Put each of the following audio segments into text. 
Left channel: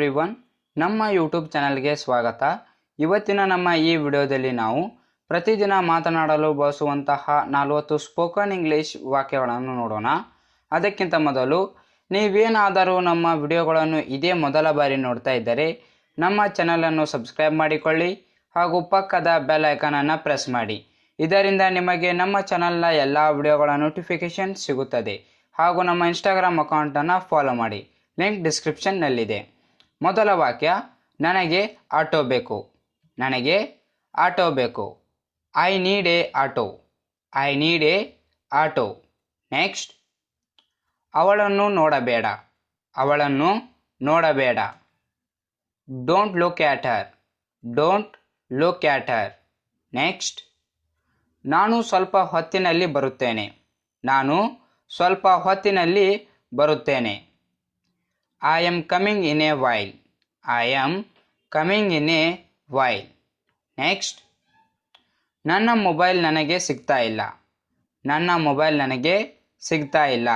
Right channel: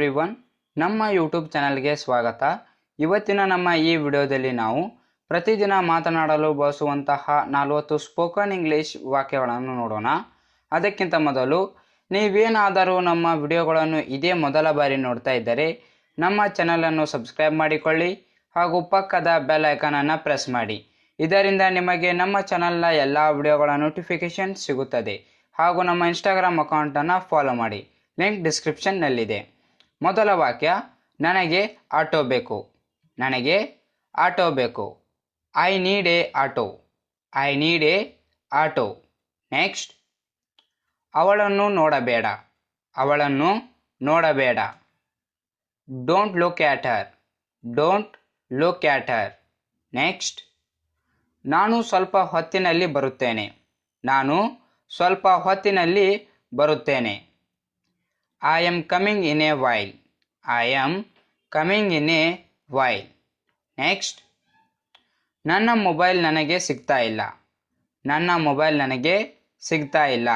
Everyone, ನಮ್ಮ YouTube ಚಾನಲ್ಗೆ ಸ್ವಾಗತ. ಇವತ್ತಿನ ನಮ್ಮ ಈ ವಿಡಿಯೋದಲ್ಲಿ ನಾವು ಪ್ರತಿದಿನ ಮಾತನಾಡಲು ಬಳಸುವಂತಹ 40 ಸ್ಪೋಕನ್ ಇಂಗ್ಲಿಷ್ ವಾಕ್ಯಗಳನ್ನು ನೋಡೋಣ. ಅದಕ್ಕಿಂತ ಮೊದಲು ನೀವೇನಾದರೂ ನಮ್ಮ ವಿಡಿಯೋಗಳನ್ನು ಇದೇ ಮೊದಲ ಬಾರಿ ನೋಡ್ತಾ ಇದ್ದರೆ ನಮ್ಮ ಚಾನಲನ್ನು ಸಬ್ಸ್ಕ್ರೈಬ್ ಮಾಡಿಕೊಳ್ಳಿ ಹಾಗೂ ಪಕ್ಕದ ಬೆಲ್ ಐಕಾನನ್ನು ಪ್ರೆಸ್ ಮಾಡಿ. ಇದರಿಂದ ನಿಮಗೆ ನಮ್ಮ ಚಾನಲ್ನ ಎಲ್ಲ ವಿಡಿಯೋಗಳ ನೋಟಿಫಿಕೇಶನ್ ಸಿಗುತ್ತದೆ. ಹಾಗೂ ನಮ್ಮ ಇನ್ಸ್ಟಾಗ್ರಾಮ್ ಅಕೌಂಟನ್ನು ಫಾಲೋ ಮಾಡಿ, ಲಿಂಕ್ ಡಿಸ್ಕ್ರಿಪ್ಷನ್ನಲ್ಲಿದೆ. ಮೊದಲ ವಾಕ್ಯ, ನನಗೆ ಆಟೋ ಬೇಕು. ನನಗೆ ಆಟೋ ಬೇಕು. I need a auto. I need a auto. Next, ಅವಳನ್ನು ನೋಡಬೇಡ. ಅವಳನ್ನು ನೋಡಬೇಡ. Don't look at her. Don't look at her. Next, ನಾನು ಸ್ವಲ್ಪ ಹೊತ್ತಿನಲ್ಲಿ ಬರುತ್ತೇನೆ. ನಾನು ಸ್ವಲ್ಪ ಹೊತ್ತಿನಲ್ಲಿ ಬರುತ್ತೇನೆ. I am coming in a while. I am coming in a while. Next, ನನ್ನ ಮೊಬೈಲ್ ನನಗೆ ಸಿಗ್ತಾ ಇಲ್ಲ. ನನ್ನ ಮೊಬೈಲ್ ನನಗೆ ಸಿಗ್ತಾ ಇಲ್ಲ.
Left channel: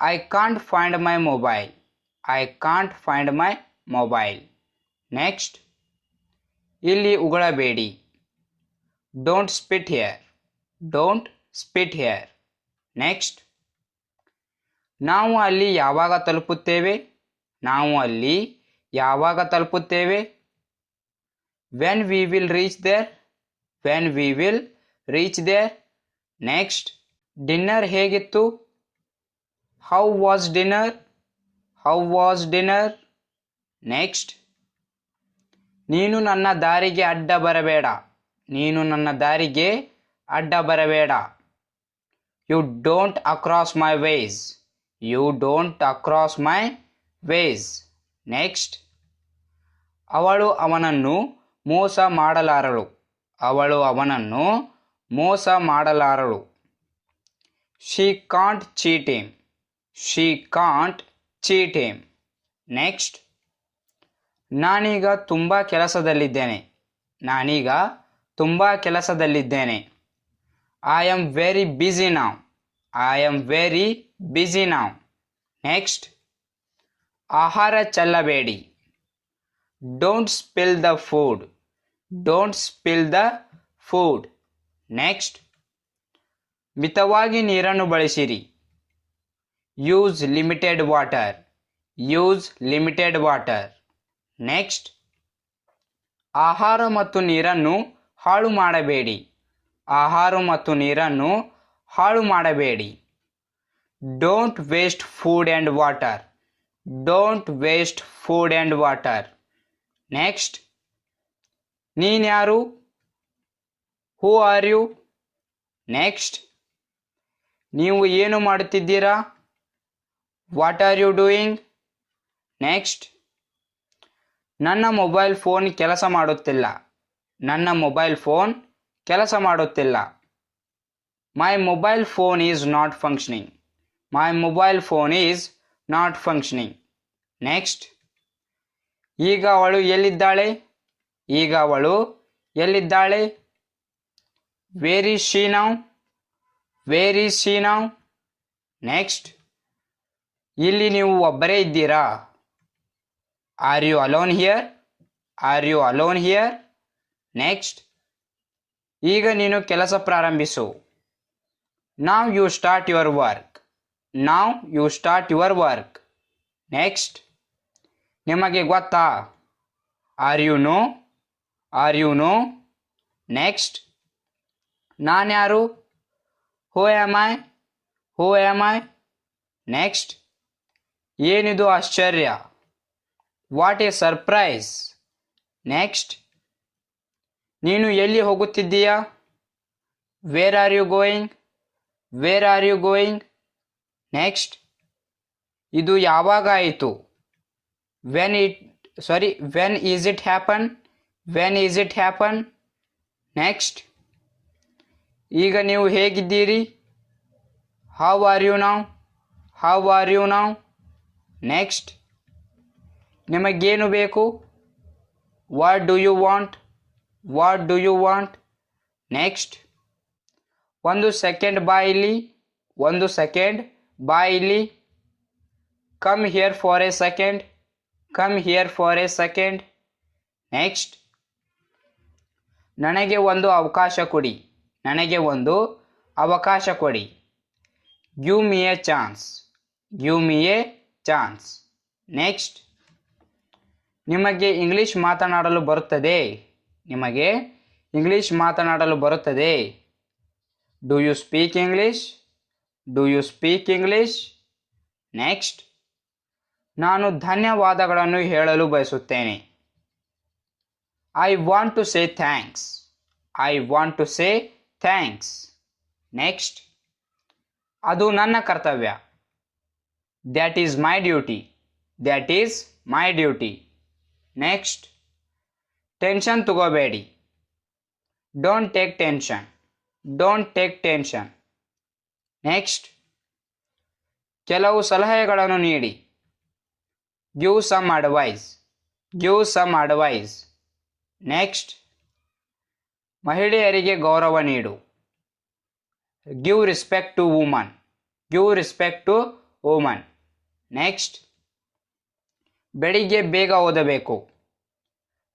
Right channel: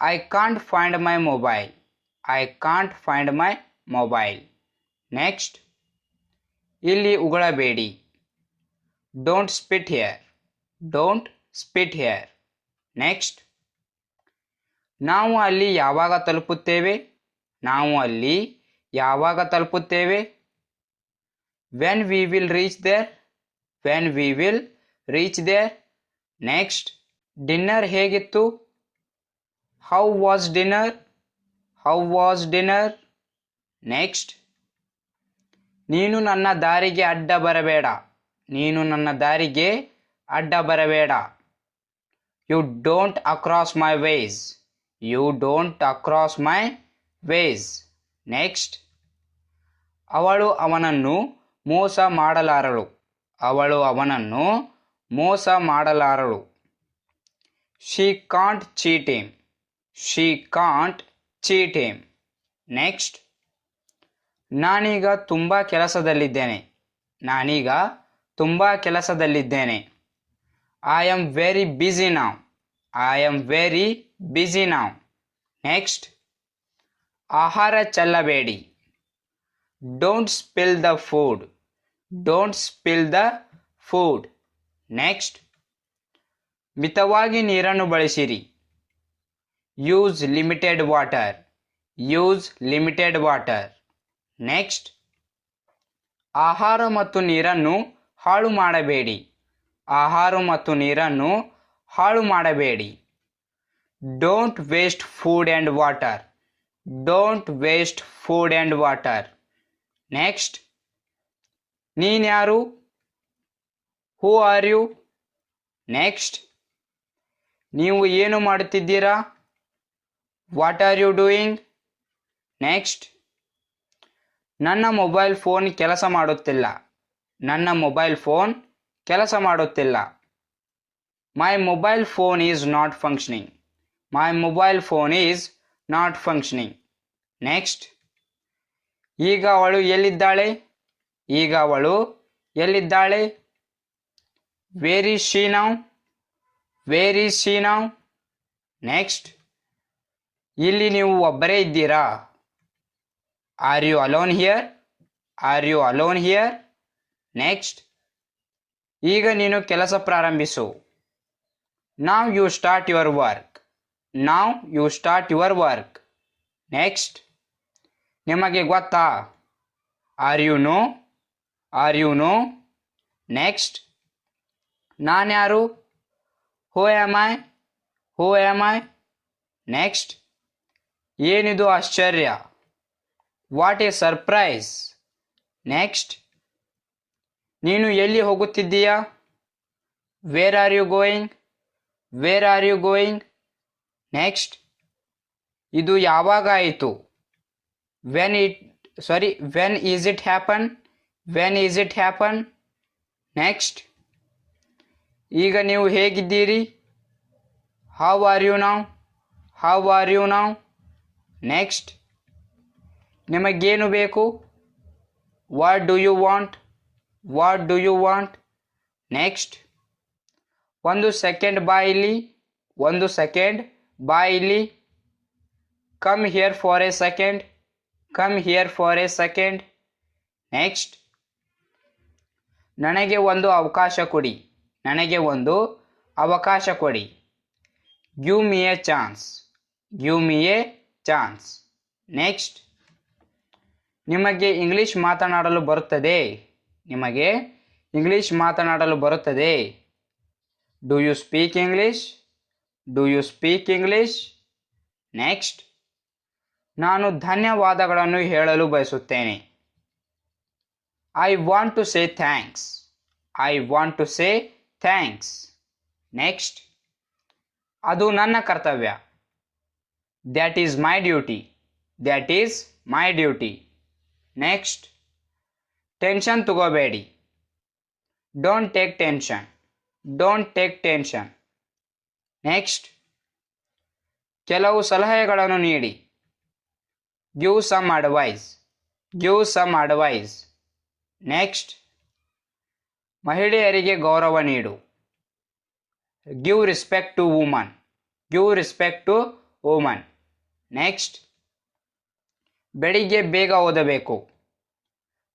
I can't find my mobile. I can't find my mobile. Next, ಇಲ್ಲಿ ಉಗುಳಬೇಡಿ. Don't spit here. Don't spit here. Next, ನಾವು ಅಲ್ಲಿ ಯಾವಾಗ ತಲುಪುತ್ತೇವೆ. ನಾವು ಅಲ್ಲಿ ಯಾವಾಗ ತಲುಪುತ್ತೇವೆ. When we will reach there. When we will reach there. Next, dinner ಹೇಗಿತ್ತು. How was dinner. How was dinner. Next, ನೀನು ನನ್ನ ದಾರಿಗೆ ಅಡ್ಡ ಬರಬೇಡ. ನೀನು ನನ್ನ ದಾರಿಗೆ ಅಡ್ಡ ಬರಬೇಡ. You don't across my ways. You don't across my ways. Next, ಅವಳು ಅವನನ್ನು ಮೋಸ ಮಾಡಲಾರಳು. ಅವಳು ಅವನನ್ನು ಮೋಸ ಮಾಡಲಾರಳು. She can't cheat him. She can't cheat him. Next, ನಾನೀಗ ತುಂಬ ಕೆಲಸದಲ್ಲಿದ್ದೇನೆ. ನಾನೀಗ ತುಂಬ ಕೆಲಸದಲ್ಲಿದ್ದೇನೆ. I am very busy now. I am very busy now. Next, ಆಹಾರ ಚೆಲ್ಲಬೇಡಿ. Don't spill the food. Don't spill the food. Next, ಮಿತವಾಗಿ ನೀರನ್ನು ಬಳಸಿರಿ. Use limited water. Use limited water. Next, ಆಹಾರ ಮತ್ತು ನೀರನ್ನು ಹಾಳು ಮಾಡಬೇಡಿ. ಆಹಾರ ಮತ್ತು ನೀರನ್ನು ಹಾಳು ಮಾಡಬೇಡಿ. Don't waste food and water. Don't waste food and water. Next, ನೀನ್ಯಾರು. Who are you. ನೆಕ್ಸ್ಟ್, ನೀವು ಏನು ಮಾಡುತ್ತಿದ್ದೀರಾ. What are you doing. Next, ನನ್ನ ಮೊಬೈಲ್ ಫೋನ್ ಕೆಲಸ ಮಾಡುತ್ತಿಲ್ಲ. ನನ್ನ ಮೊಬೈಲ್ ಫೋನ್ ಕೆಲಸ ಮಾಡುತ್ತಿಲ್ಲ. My mobile phone is not functioning. My mobile phone is not functioning. Next, ಈಗ ಅವಳು ಎಲ್ಲಿದ್ದಾಳೆ. ಈಗ ಅವಳು ಎಲ್ಲಿದ್ದಾಳೆ. Where is she now. Where is she now. Next, ಇಲ್ಲಿ ನೀವು ಒಬ್ಬರೇ ಇದ್ದೀರಾ. R you alone here. Are you alone here. Next, ಈಗ ನೀನು ಕೆಲಸ ಪ್ರಾರಂಭಿಸು. Now you start your work. Now you start your work. Next, ನಿಮಗೆ ಗೊತ್ತಾ. Are you know. Are you know. Next, ನಾನ್ಯಾರು. Who am I. Who am I. Next, ಏನಿದು ಆಶ್ಚರ್ಯ. What a surprise. Next, ನೀನು ಎಲ್ಲಿ ಹೋಗುತ್ತಿದ್ದೀಯಾ. Where are you going. Where are you going. Next, ಇದು ಯಾವಾಗ ಆಯಿತು. When is it happen. When is it happen. Next, ಈಗ ನೀವು ಹೇಗಿದ್ದೀರಿ. How are you now. How are you now. Next, ನಿಮಗೇನು ಬೇಕು. What do you want. What do you want. Next, ಒಂದು second ಬಾ ಇಲ್ಲಿ. ಒಂದು ಸೆಕೆಂಡ್ ಬಾ ಇಲ್ಲಿ. Come here for a second. Come here for a second. Next, ನನಗೆ ಒಂದು ಅವಕಾಶ ಕೊಡಿ. ನನಗೆ ಒಂದು ಅವಕಾಶ ಕೊಡಿ. Give me a chance. Give me a chance. Next, ನಿಮಗೆ ಇಂಗ್ಲಿಷ್ ಮಾತನಾಡಲು ಬರುತ್ತದೆ. ನಿಮಗೆ ಇಂಗ್ಲಿಷ್ ಮಾತನಾಡಲು ಬರುತ್ತದೆ. Do you speak English? Do you speak English? Next, ನಾನು ಧನ್ಯವಾದಗಳನ್ನು ಹೇಳಲು ಬಯಸುತ್ತೇನೆ. I want to say thanks. I want to say thanks. Next, ಅದು ನನ್ನ ಕರ್ತವ್ಯ. That is my duty. That is my duty. Next, tension ತಗೋಬೇಡಿ. Don't take tension. Don't take tension. Next, ಕೆಲವು ಸಲಹೆಗಳನ್ನು ನೀಡಿ. Give some advice. Give some advice. Next, ಮಹಿಳೆಯರಿಗೆ ಗೌರವ ನೀಡು. Give respect to woman. Give respect to woman. Next, ಬೆಳಿಗ್ಗೆ ಬೇಗ ಓದಬೇಕು.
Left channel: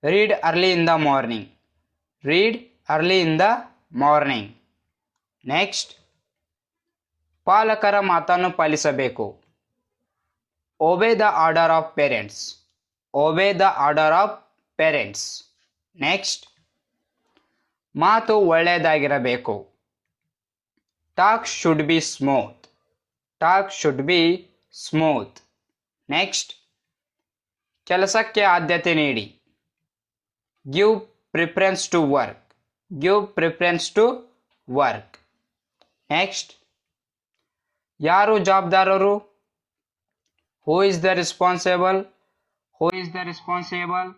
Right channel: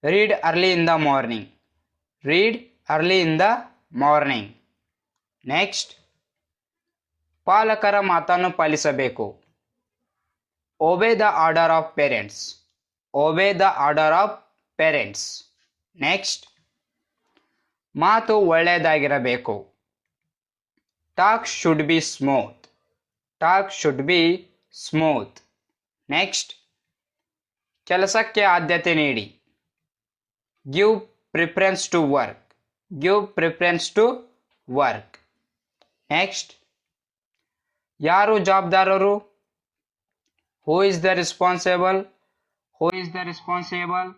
Read early in the morning. Read early in the morning. Next, ಪಾಲಕರ ಮಾತನ್ನು ಪಾಲಿಸಬೇಕು. Obey the order of parents. Obey the order of parents. Next, ಮಾತು ಒಳ್ಳೆಯದಾಗಿರಬೇಕು. Talk should be smooth. Talk should be smooth. Next, ಕೆಲಸಕ್ಕೆ ಆದ್ಯತೆ ನೀಡಿ. Give preference to work. Give preference to work. Next, ಯಾರು ಜವಾಬ್ದಾರರು? Who is the responsible? Who is the responsible?